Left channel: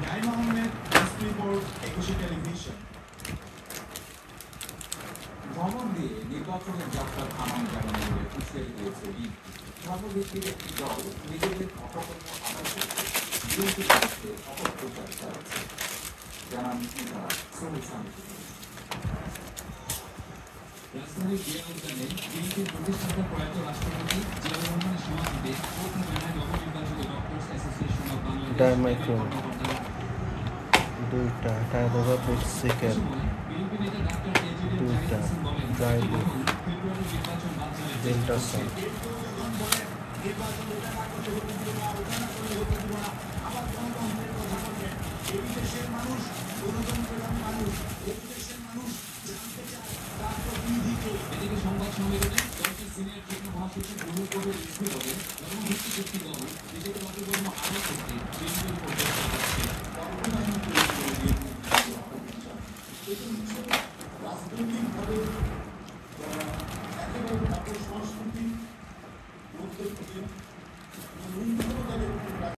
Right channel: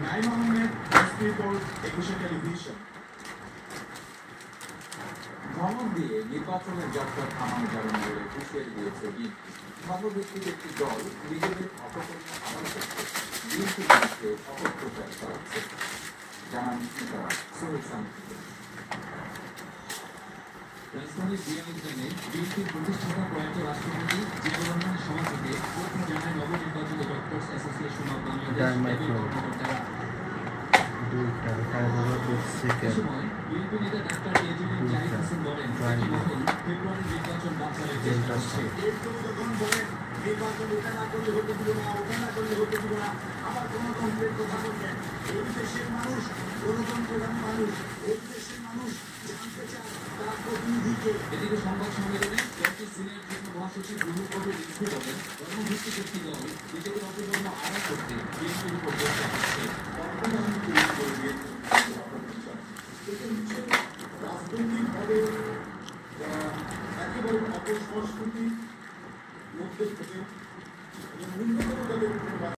ন্যায় Mohammad report 21 television. ধমক দিয়ে নির্বাচনের যাত্রা থামান যাবেন বলে হুঁশিয়ারি দিয়েছে বিএনপি। ধর্মভিত্তিক একটি দল নিজেদের অপকর্ম আদায় করতে বিএনপির বিরুদ্ধে অপপ্রচার চালাচ্ছে, জানান নেতারা। সোহেল সামি। রাজধানীর বিয়ানীবাজারে বিএনপির প্রতিষ্ঠাতা প্রয়াত রাষ্ট্রপতি জিয়াউর রহমানের সমাধিতে শ্রদ্ধা জানায় নবনির্বাচিত ডক্টরস অ্যাসোসিয়েশন অব বাংলাদেশ কর্মকর্তারা। বিএনপি নেতা ডাক্তার এজিএম জাহিদ হোসেন বলেন, ফেব্রুয়ারি নির্বাচন বানচালের চেষ্টা হচ্ছে। এদিকে সংবাদ সম্মেলনে দলটির সিনিয়র যুগ্ম মহাসচিব রুহুল কবির রিজভী বলেন, ধর্মভিত্তিক একটি দল নিজেদের অপকর্ম আদায় করতে বিএনপির উপর প্রচার করছে। রাজনৈতিকভাবে একেবারে অপসংস্কৃতি মধ্যে থেকে